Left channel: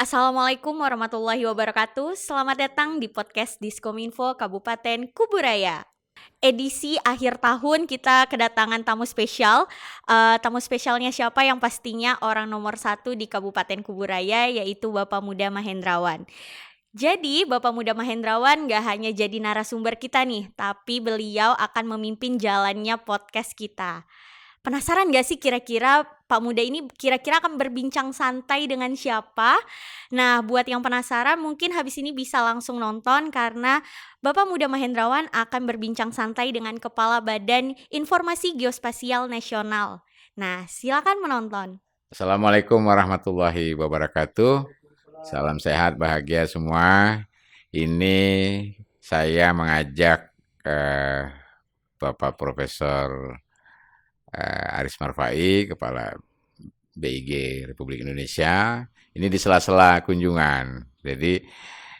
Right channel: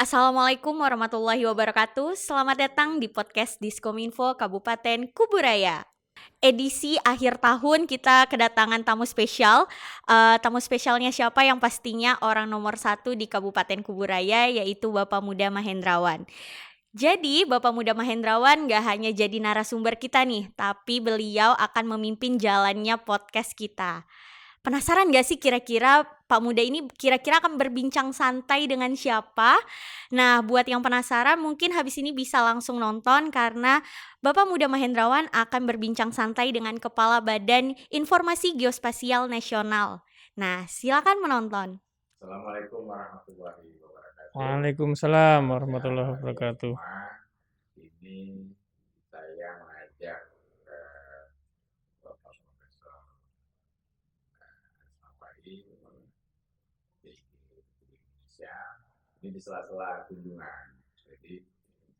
Assalamualaikum warahmatullahi wabarakatuh. Selamat datang di podcast Diskominfo Kabupaten Kuburaya. Edisi akhir tahun kita kedatangan tamu spesial. Tamu spesialnya siapa? Yang pastinya orang nomor satu di Kabupaten Kuburaya, yaitu Bapak Muda Mahendrawan. Jadi Bapak Muda Mahendrawan gak hanya jadi narasumber kita nih, tapi beliau akan memimpin jalannya podcast kita. Penasaran gak sih kira-kira Pak Muda ini kira-kira akan berbincang santai dengan siapa? Nah, buat yang penasaran mungkin habis ini bisa langsung nonton karena Bapak Muda Mahendrawan akan berbincang santai dengan Kepala Badan Informasi Geospasial Nasional. Nah, silakan menonton. Assalamualaikum warahmatullahi wabarakatuh. Waalaikumsalam Salam sehat, warahmatullahi bahagia wabarakatuh. semua. Ini saya mengajak Bapak Profesor Aris Marfai, Kepala BIG Republik Indonesia. Ini di sela-sela kunjungan. Jadi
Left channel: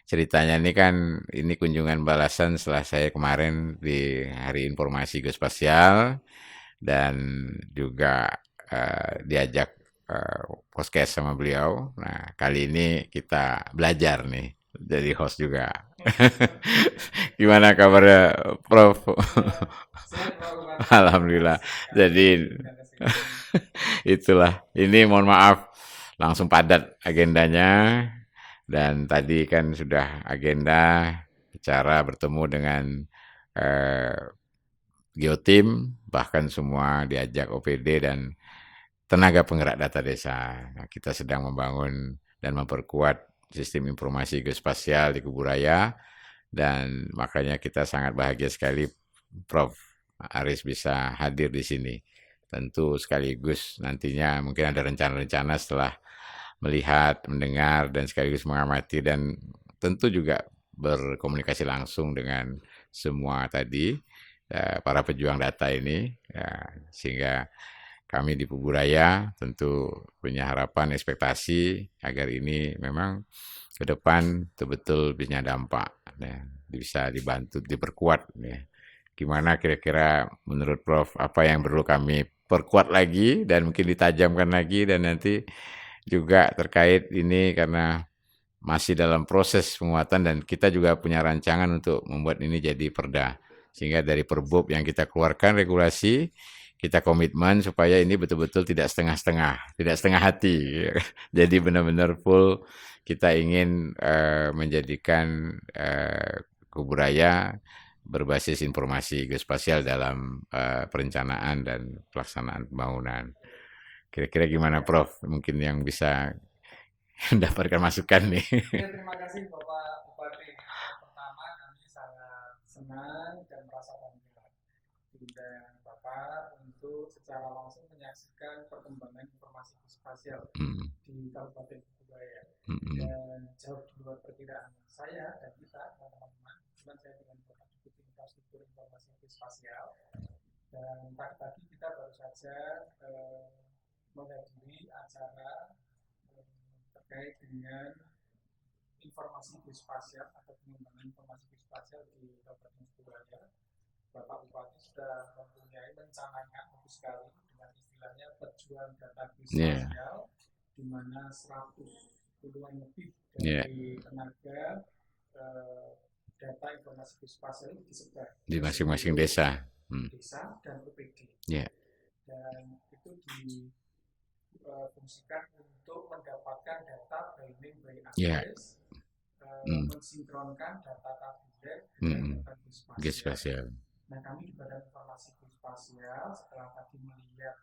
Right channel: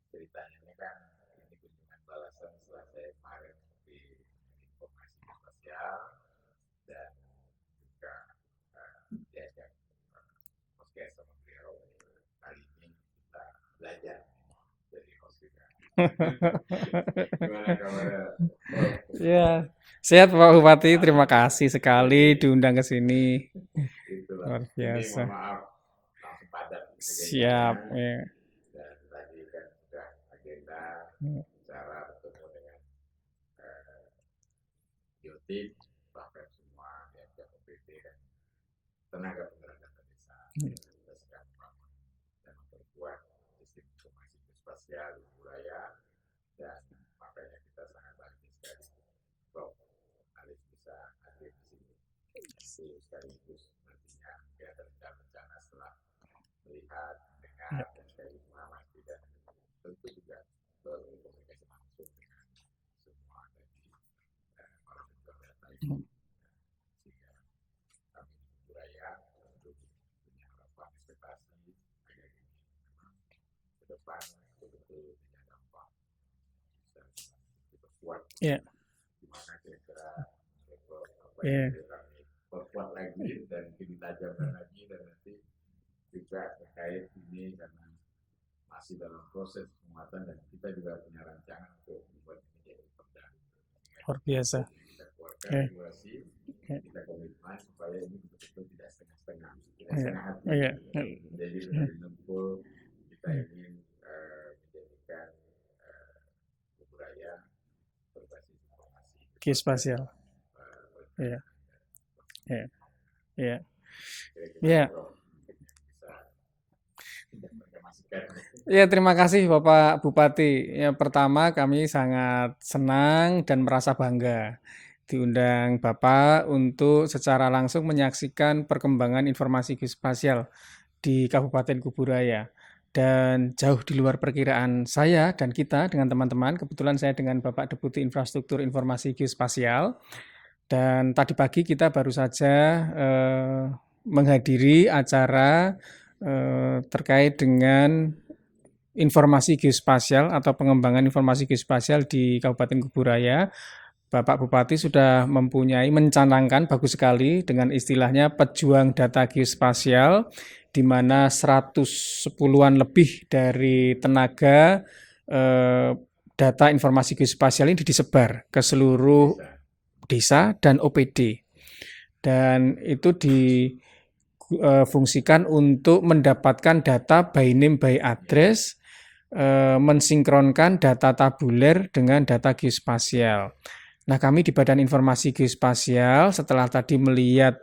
ceritanya ini kunjungan balasan setelah saya kemarin di Hari Informasi Geospasial dan juga diajak podcast sama beliau. Nah, kali ini kita belajar nih jadi host juga. Gimana kabarnya, Prof? Ya, sehat Pak Bupati, terima Alhamdulillah. kasih sekali Jadi diundang ke sini. itulah. Luar Ini biasa. mohon maaf langsung padat agendanya. Siap, ya. Dan tadi kan sudah agenda bicara bertemu dengan Geotim, bahkan semua diajak OPD dan tenaga penggerak data desa. Nah, kita sedang membangun dan memperkuat sistem informasi geospasial di Kuburaya, dan makanya kita sangat bahagia sekali Prof. Aris bisa hadir di sini. Tentu sekaligus nantinya mungkin ada rencana-rencana setelah melihat, mendengar, dan sekaligus mengamati, dan tentu juga berkomunikasi langsung dengan semua tadi para pejuang data ini, sehingga kami di Kuburaya tentu punya harapan, ekspektasi agar ini memang ke depan betul-betul punya dampak, bisa dibantu, diperkuat. Yeah. Gimana kira-kira menurut Prof, apa yang perlu kami perkuat lagi dan mungkin ditajamkan lagi, dan nanti juga terkait ini karena masih dalam proses penguatan dan kita juga punya rancangan untuk membuat ini jadi perda. Sehingga dari Perbub yang kita keluarkan regulasi, kita komitmen supaya ini betul-betul tidak setengah-setengah, tidak setengah hati. Jadi benar-benar full kita ingin menjadikan Kuburaya berbasis informasi geospasial dalam perencanaan dan pelaksanaan pembangunan. Kira-kira gimana Prof? Mungkin yang bisa mendapatkan masukan nih. Ya, terima kasih Bapak Bupati. Ya, pertama kami sangat senang dan merasa bangga diundang Bapak untuk secara langsung menyaksikan perkembangan informasi geospasial di Kabupaten Kuburaya. Dan jauh di luar perkiraan saya dan kita dengan teman-teman. Kebetulan saya dengan Bapak Deputi Infrastruktur Informasi Geospasial. Dan tadi pagi kita baru saja menghadiri acara terkait dengan informasi geospasial atau pengembangan informasi geospasial di Kabupaten Kuburaya. Bapak Bupati sudah mencanangkan bagus sekali dengan istilahnya pejuang data geospasial, di mana 110-an lebih dari tenaga data informasi geospasial ini disebar ke seluruh desa dan OPD. Dan itu difungsikan untuk mendapatkan data by name by address, mensinkronkan data tabuler dengan data geospasial. Nah, kami di Badan Informasi Geospasial setelah tadi melihat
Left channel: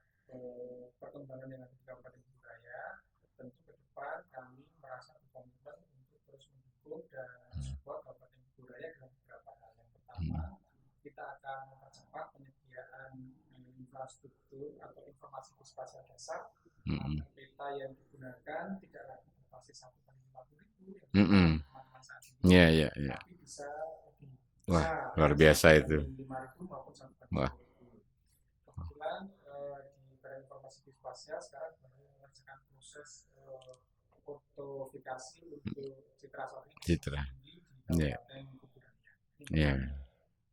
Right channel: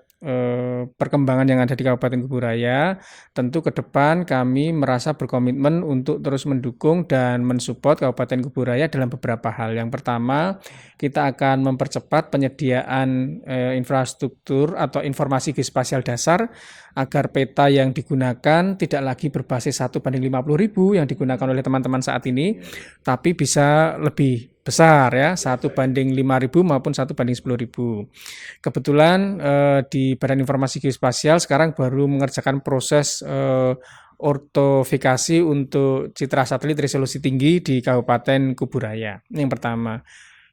perkembangan yang ada di Kabupaten Kuburaya, tentu ke depan kami merasa berkomitmen untuk terus mendukung dan mensupport Kabupaten Kuburaya dalam beberapa hal. Yang pertama, kita akan mempercepat penyediaan infrastruktur atau informasi geospasial dasar agar peta yang digunakan tidak lagi berbasis 1:50.000 yang digunakan oleh teman-teman saat ini, tapi bisa lebih besar, ya, 1:5.000 maupun 1:10.000. Kebetulan di Badan Informasi Geospasial sekarang baru mengerjakan proses ortofikasi untuk citra satelit resolusi tinggi di Kabupaten Kuburaya. Yang pertama.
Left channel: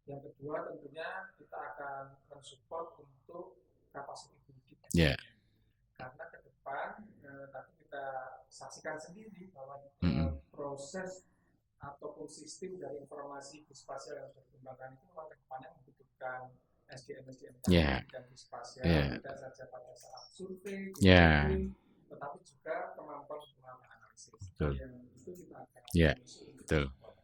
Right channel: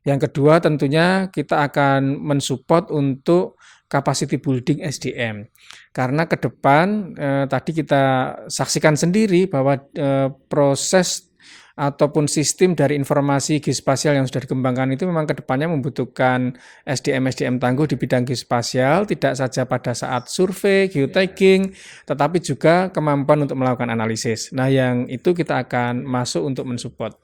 Yang kedua, tentunya kita akan mensupport untuk capacity building SDM. Karena ke depan tadi kita saksikan sendiri bahwa proses ataupun sistem dari informasi geospasial yang sudah dikembangkan itu memang ke depannya membutuhkan SDM tangguh di Ya, bidang geospasial, ya, tidak saja pada saat survei, ya, geotagging, tetapi juga kemampuan untuk melakukan analisis. Nah, betul. yang itu kita akan Ya, masuk untuk betul. mensupport.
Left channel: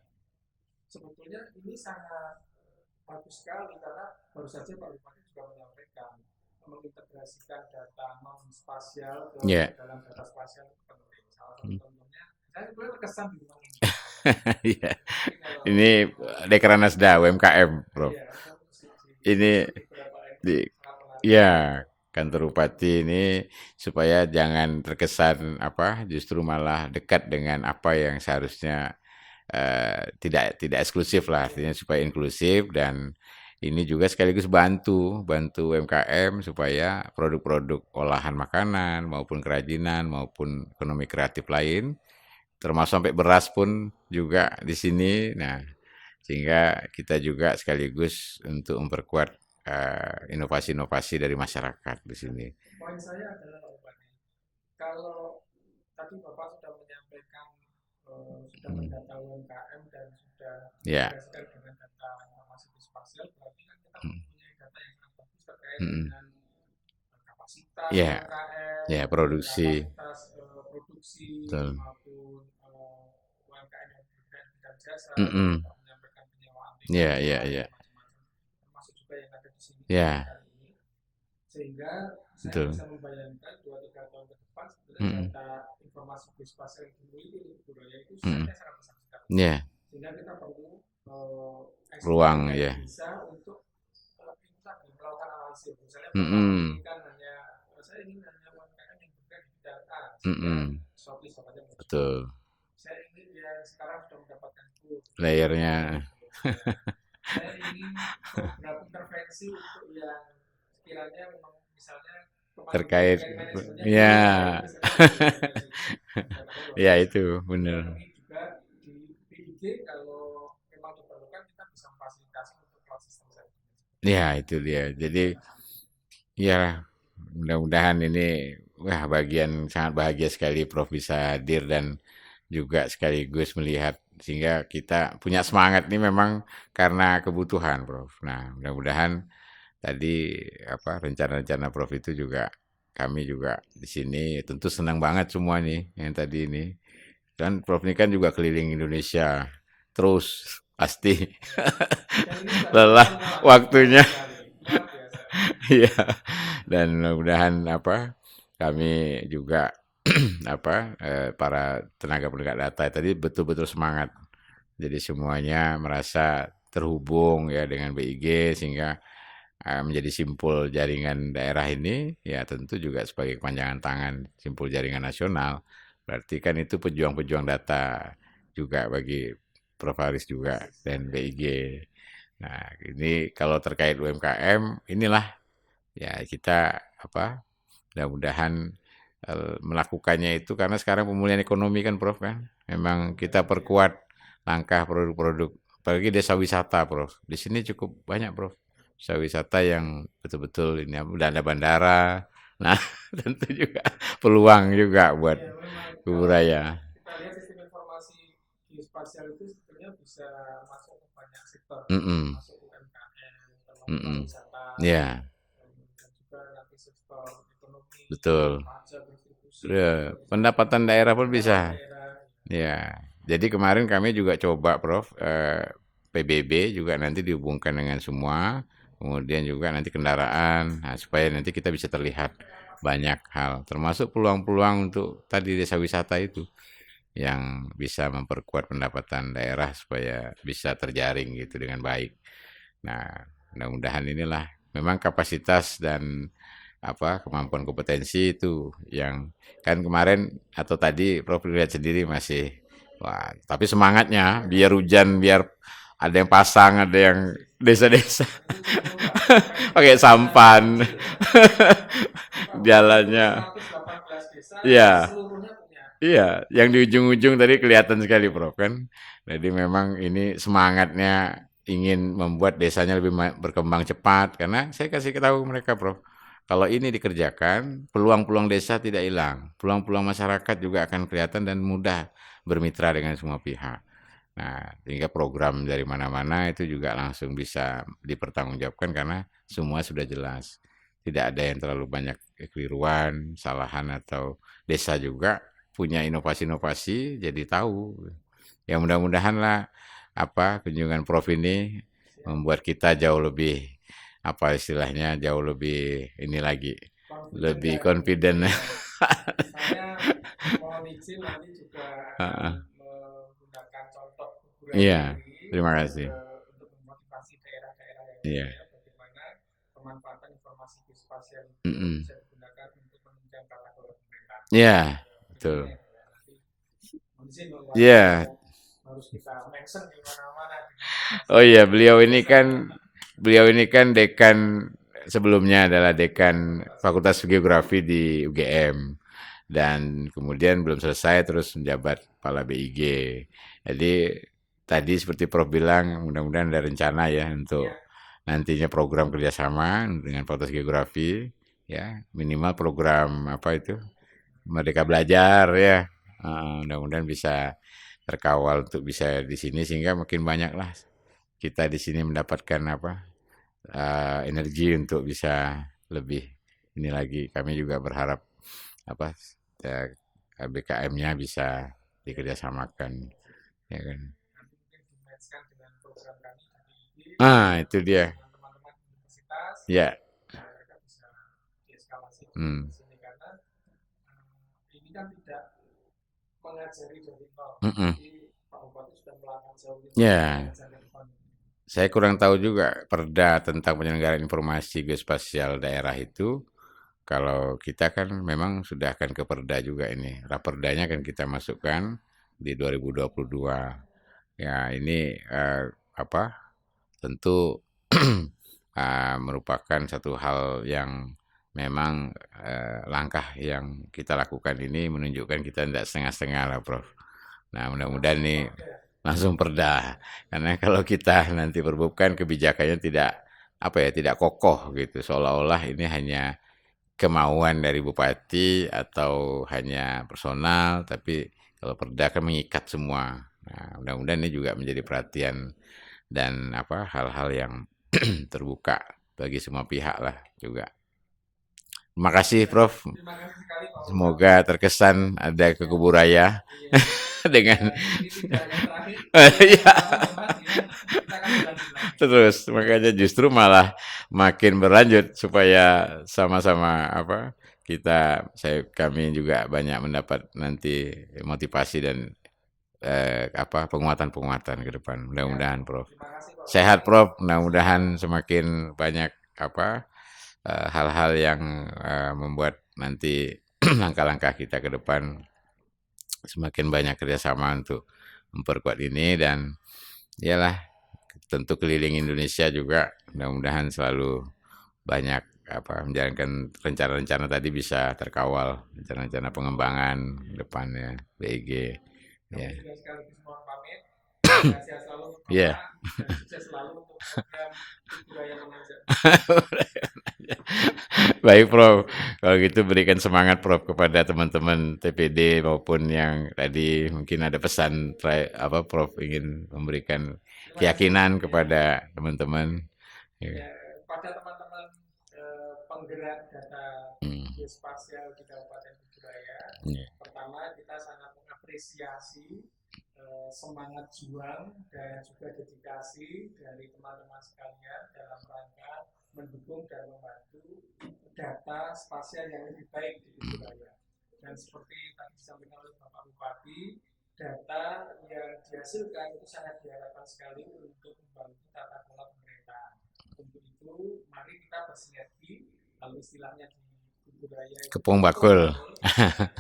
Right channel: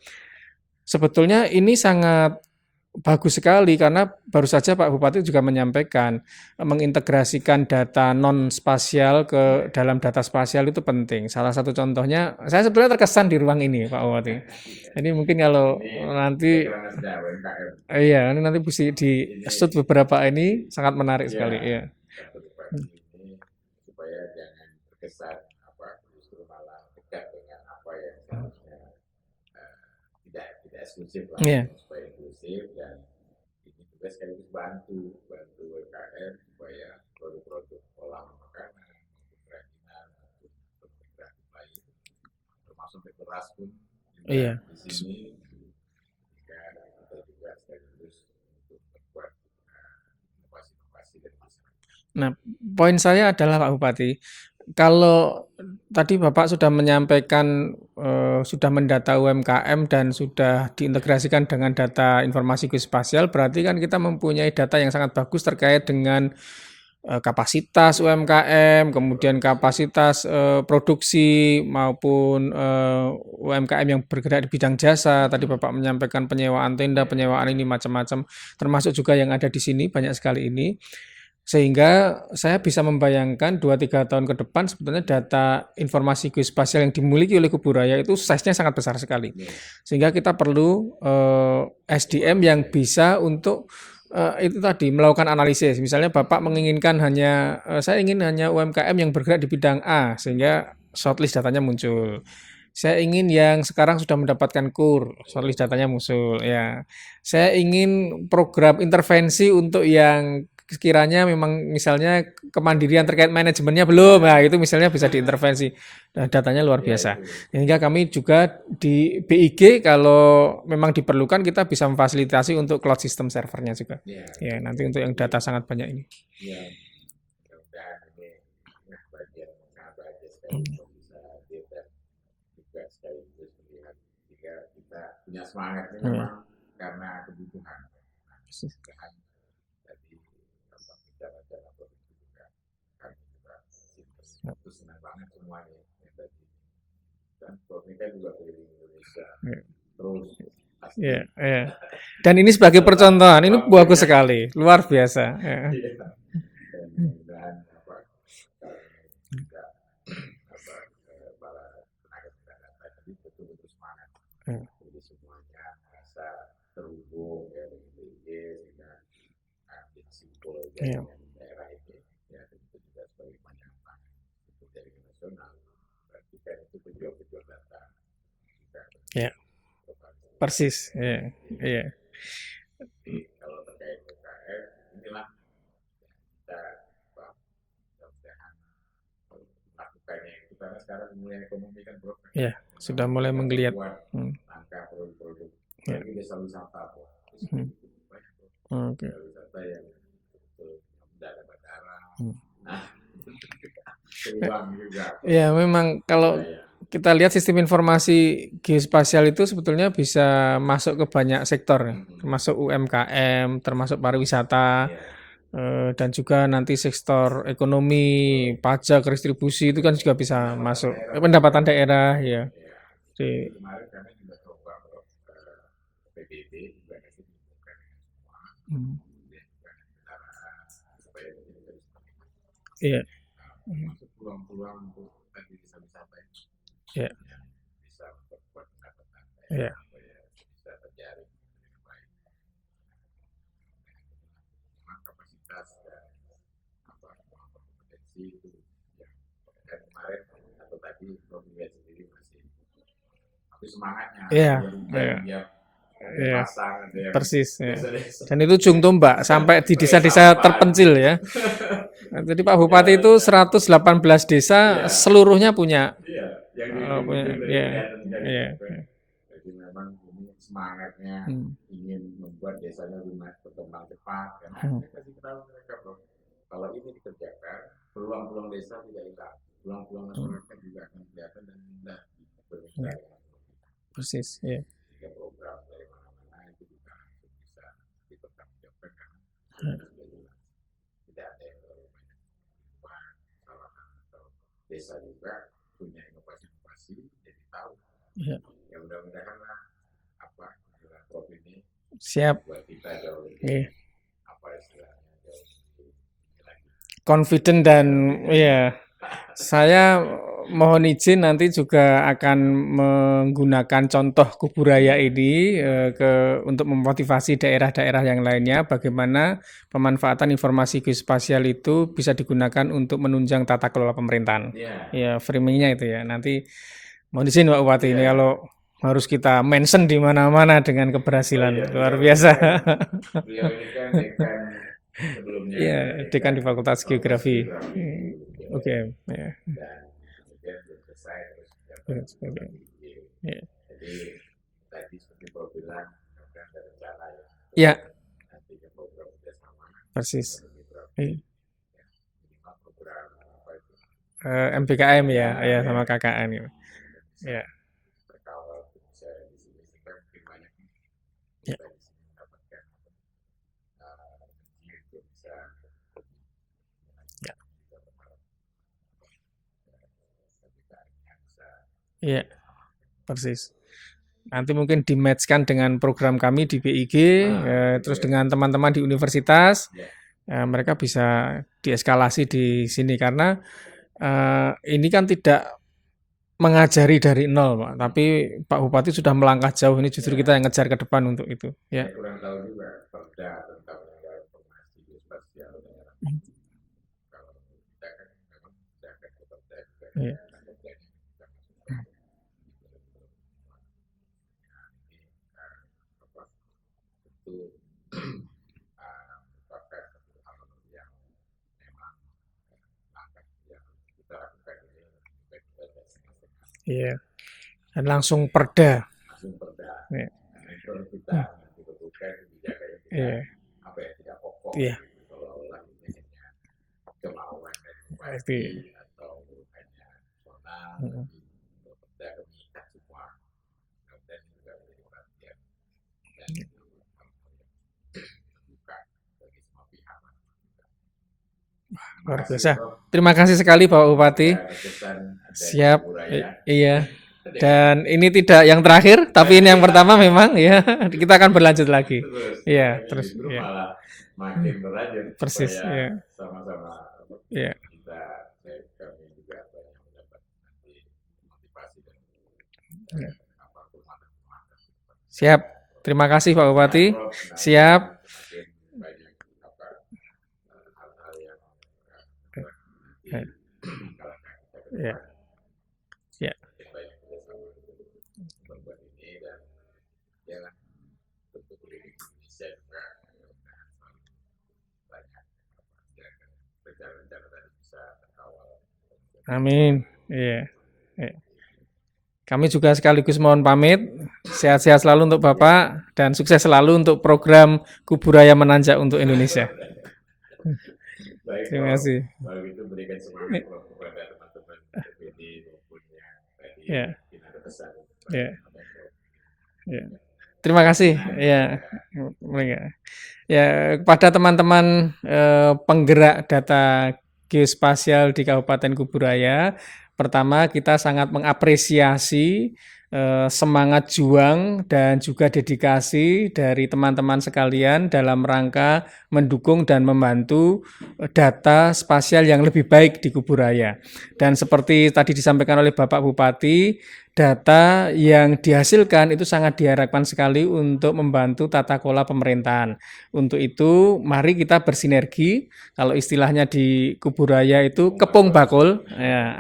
Sebetulnya ini sangat bagus sekali karena baru saja Pak Bupati juga menyampaikan mengintegrasikan data non spasial ke Ya, dalam data spasial itu penting. Salah satu mm. contohnya, saya sebetulnya terkesan di ruang ini Pak Bupati. Iya. Jadi mungkin kalau Ini nanti Dekranasda UMKM, Prof. iya nanti bisa Ini di-shoot beberapa di ini sangat menarik sekali ya. ya kantor bupati ini supaya jangan terkesan justru malah dekat dengan apa yang seharusnya tidak eksklusif lah, Iya. artinya supaya inklusif, dan ini juga sekaligus bantu UMKM supaya produk-produk olahan makanan maupun kerajinan maupun ekonomi kreatif lain, termasuk sampai beras pun juga Iya. di sini. Nah, sehingga kita juga sekaligus untuk memperkuat inovasi-inovasi dari masyarakat di Nah, sini. poin saya adalah Pak Bupati, kalau tadi Bapak sudah menyampaikan sudah mendata UMKM dan sudah Ya, diintegrasikan dengan data informasi geospasial, berarti kan kita mempunyai data yang sangat bagus terkait dengan kapasitas ya, UMKM, ya, kemudian produksi, kapasitas produksi betul. maupun UMKM yang bergerak di bidang jasa. Tadi Bapak menyampaikan penyewaan tenda, Ya, ya, penyewaan ini ya, macam-macam, termasuk juga yang ada di sini banyak ya, sekali ini. Sehingga saya betul. bisa membayangkan 2-3 tahun ke depan sebetulnya data informasi geospasial yang dimiliki oleh Kuburaya itu size-nya sangat besar sekali. Ya, Sehingga kita perlu SDM ruang, yang ya, bisa untuk itu tadi melakukan analisis. Misalnya Bapak menginginkan hanya saya ingin hanya UMKM yang bergerak di bidang A sehingga shortlist datanya muncul. betul. Saya ingin yang sekarang sudah mendapatkan KUR, shortlist datanya Layernya, muncul. Ya, saya ingin program intervensi untuk yang sekiranya memang misalnya kemandirian terkait, terkait manajemennya belum, nah itu ya, misalnya bisa diintervensi. Nah, datanya luar ya biasa. itu Sehingga benar. kami juga di BIG kalau memang diperlukan kita bisa memfasilitasi untuk cloud system servernya juga. Ya itu Ya, nanti dia. untuk yang Jadi data sangat banyak ini. ya mudah-mudahan ini bagian sangat bahagia sekali Prof bisa hadir dan juga sekaligus melihat, sehingga kita punya semangat ini memang karena kebutuhan, Prof. Nah, mudah-mudahan tadi rencana-rencana Prof itu juga kami juga di sini tentu senang banget semua nih yang tadi ini. Dan Prof ini kan juga keliling Indonesia terus pasti. Ya. Dan ini sebagai percontohan, ini bagus sekali, luar biasa. Iya. Dan mudah-mudahan kami juga para tenaga penegak data tadi betul-betul semangat. Jadi semuanya merasa terhubung ya dengan BIG sehingga menjadi simpul jaringan daerah ini, ya tentu juga sebagai kepanjangan tangan simpul jaringan nasional. Berarti kan itu pejuang-pejuang data juga bagi Prof Haris juga. Persis. Dan BIG. Nah, ini kalau terkait UMKM, inilah ya kita mudah-mudahan melakukannya itu karena sekarang pemulihan ekonomi kan Prof kan. Memang kita perkuat langkah produk-produk. Apalagi desa wisata, Prof. Di sini cukup banyak, Prof. Desa wisata yang betul-betul ini ada bandara. Nah, tentu juga peluang juga buat memang kalau kita lihat sistem informasi geospasial itu sebetulnya bisa masuk ke banyak sektor, masuk UMKM, termasuk pariwisata. Dan juga nanti sektor ekonomi, pajak, restribusi itu kan juga bisa pendapatan masuk. Daerah pun pendapatan bisa. daerah, ya. Jadi kemarin kami juga coba, Prof, PBB juga nanti dihubungkan dengan semua, kemudian juga nanti kendaraan, supaya nanti kita bisa terlihat banyak hal, termasuk peluang-peluang untuk tadi desa wisata itu, yang bisa memperkuat pendapatan daerah supaya bisa terjaring gitu dengan baik. Nah, mudah-mudahan inilah memang kapasitas dan kemampuan kompetensi itu yang kan kemarin atau tadi Prof lihat sendiri masih tapi semangatnya biar hujan biar ada yang pasang, ada yang desa-desa. Dan itu ujung tombak sampai di desa-desa terpencil ya. Jadi Pak Bupati itu 118 desa seluruhnya punya. Iya, yang di ujung-ujung tadi kelihatan sekali Prof kan. Jadi memang ini semangatnya ingin membuat desanya lebih berkembang cepat karena saya kasih tahu mereka Prof. kalau ini dikerjakan, peluang-peluang desa tidak hilang, peluang-peluang masyarakat juga akan kelihatan dan mudah bermitra dengan semua pihak. Persis. Nah, sehingga program dari mana-mana itu juga langsung bisa dipertanggungjawabkan karena semua sudah jelas. Tidak ada yang terlalu banyak kekeliruan, kesalahan, atau desa juga punya inovasi-inovasi jadi tahu. Ya. Ya mudah-mudahan lah kunjungan Prof ini Siap. membuat kita jauh lebih istilahnya jauh lebih ini lagi Confident lebih dan confident. ya, saya mohon izin nanti juga akan menggunakan contoh Kuburaya Iya, ini terima kasih. untuk memotivasi daerah-daerah yang Iya. lainnya bagaimana pemanfaatan informasi geospasial itu bisa digunakan untuk menunjang tata kelola pemerintahan. Iya, Ya, betul. framingnya itu ya. Nanti mohon izin Pak Bupati Iya. kalau harus kita mention di mana-mana dengan keberhasilan Oh iya, luar biasa. beliau ini kan dekan sebelumnya Iya, adalah dekan dekan di Fakultas Fakultas Geografi. Geografi di UGM. Ya. Dan kemudian belum selesai terus menjabat Iya, kepala BIG. Iya. Jadi tadi seperti Prof bilang, mudah-mudahan ada rencana ya untuk Ya, nantinya program kerjasama dengan persis. Fakultas Geografi, ya minimal program Merdeka MBKM Belajar ya. sama KKN. Mudah-mudahan bisa terkawal untuk bisa di sini sehingga makin banyak lah kita di sini mendapatkan energi untuk bisa lebih ini lagi. Kami juga berharap BKM-nya bisa kerjasamakan. Persis. Ya kan? Nanti mungkin di-match-kan dengan program kami di BIG, Itu terus dia. dengan teman-teman di universitas, Ya, mereka bisa dieskalasi di sini karena ini kan tidak mengajari dari nol, Pak. Tapi Pak Bupati sudah melangkah jauh. Ini justru kita yang ngejar ke depan untuk itu. Saya kurang tahu juga perda tentang penyelenggaraan informasi geospasial daerah itu. Kalau kita kan memang sudah akan ke perda juga ini. Raperdanya kan kita masukkan di 2022. Ya ini tentu merupakan satu hal yang memang langkah yang kita lakukan ini menunjukkan kita tidak setengah-setengah lah, Prof. Iya. Nah, mudah-mudahan langsung perda. Iya. Karena kalau kita nanti perbubkan kebijakannya tidak kokoh gitu, seolah-olah ini hanya kemauan dari bupati atau hanya personal, tapi kalau perda kan mengikat semua. Nah, mudah-mudahan ini juga menjadi perhatian dan hal-hal yang terbuka bagi semua pihak lah juga. Terima kasih, Prof. Terima kasih sekali Pak Bupati. Semoga terkesan ada Kuburaya. Iya. Dan ini tidak yang terakhir, tapi ini yang pertama memang ya. Kita akan berlanjut lagi. Terus, makanya justru malah makin berlanjut supaya sama-sama kami juga banyak mendapat nanti motivasi dan penguatan-penguatan ke depan. Mudah-mudahan, Prof. Terima kasih Pak Bupati. Sehat, Prof. Mudah-mudahan semakin banyak hal-hal yang membuat nanti langkah-langkah kita ke depan semakin banyak kerjasama untuk memperkuat ini, dan iyalah tentu keliling Indonesia juga mudah-mudahan selalu banyak menjalankan rencana-rencana tadi bisa terkawal, rencana-rencana pengembangan depannya BIG. Kami juga sekaligus mohon pamit. Sehat-sehat selalu untuk Bapak dan sukses selalu untuk program Kuburaya Menanjak untuk Indonesia. Baik, Prof. Kalau gitu berikan semangat, Prof, kepada teman-teman TPD maupun yang tadi mungkin ada pesan Prof ingin memberikan keyakinan kepada teman-teman. Ya, kepada teman-teman penggerak data geospasial di Kabupaten Kuburaya, pertama kita sangat mengapresiasi semangat juang dan juga dedikasi dari teman-teman sekalian dalam rangka mendukung dan membantu data spasial yang lebih baik di Kuburaya. Dan seperti tadi disampaikan oleh Bapak Bupati, data yang dihasilkan itu sangat diharapkan sekali untuk membantu tata kelola pemerintahan. Untuk itu, mari kita bersinergi. Kalau istilahnya di Kuburaya itu kepung bakul,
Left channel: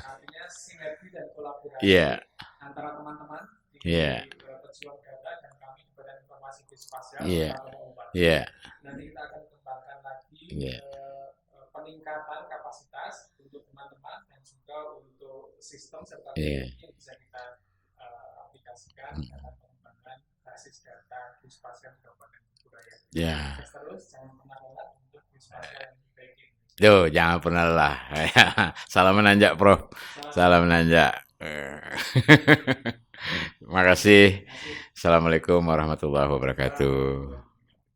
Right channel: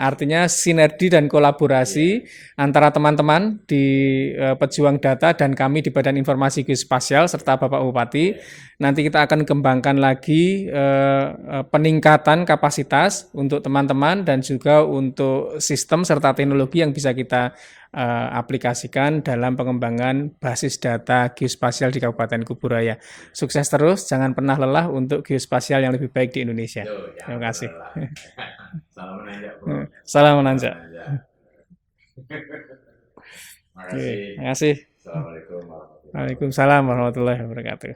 artinya sinergi dan kolaborasi antara teman-teman di pejuang data dan kami di Badan Informasi Geospasial serta Bapak Bupati. Nanti kita akan kembangkan lagi peningkatan kapasitas untuk teman-teman dan juga untuk sistem serta teknologi yang bisa kita aplikasikan dalam pengembangan basis data geospasial di Kabupaten Kuburaya. Ya. Sukses terus, jangan pernah lelah untuk geospasial yang lebih baik di Indonesia. Tuh, jangan Terima pernah kasih. lelah. Salam menanjak, Prof. Salam Salam menanjak. menanjak. Terima kasih. Terima kasih. Assalamualaikum warahmatullahi Waalaikumsalam wabarakatuh. warahmatullahi wabarakatuh.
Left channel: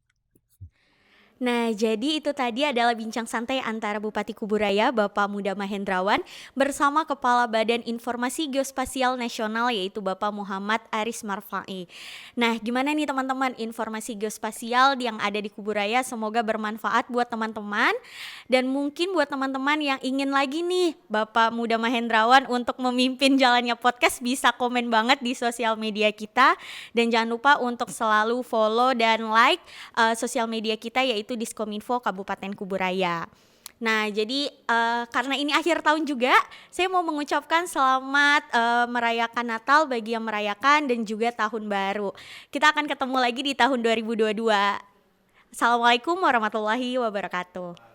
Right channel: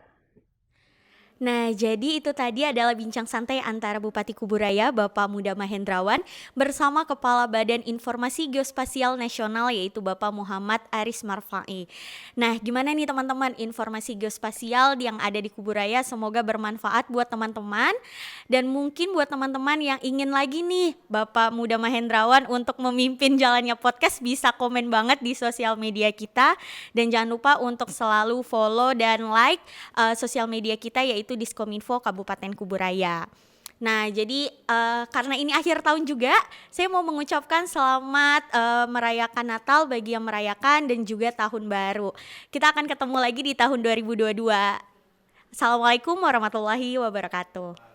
Nah, jadi itu tadi adalah bincang santai antara Bupati Kuburaya, Bapak Muda Mahendrawan, bersama Kepala Badan Informasi Geospasial Nasional, yaitu Bapak Muhammad Aris Marfai. Nah, gimana nih teman-teman informasi geospasial yang ada di Kuburaya? Semoga bermanfaat buat teman-teman. Dan mungkin buat teman-teman yang ingin lagi nih Bapak Muda Mahendrawan untuk memimpin jalannya podcast, bisa komen banget di sosial media kita. Dan jangan lupa untuk selalu follow dan like sosial media kita, yaitu Diskominfo Kabupaten Kuburaya. Nah, jadi karena ini akhir tahun juga, saya mau mengucapkan selamat merayakan Natal bagi yang merayakan dan juga tahun baru. Kita akan ketemu lagi di tahun 2022. Assalamualaikum warahmatullahi wabarakatuh.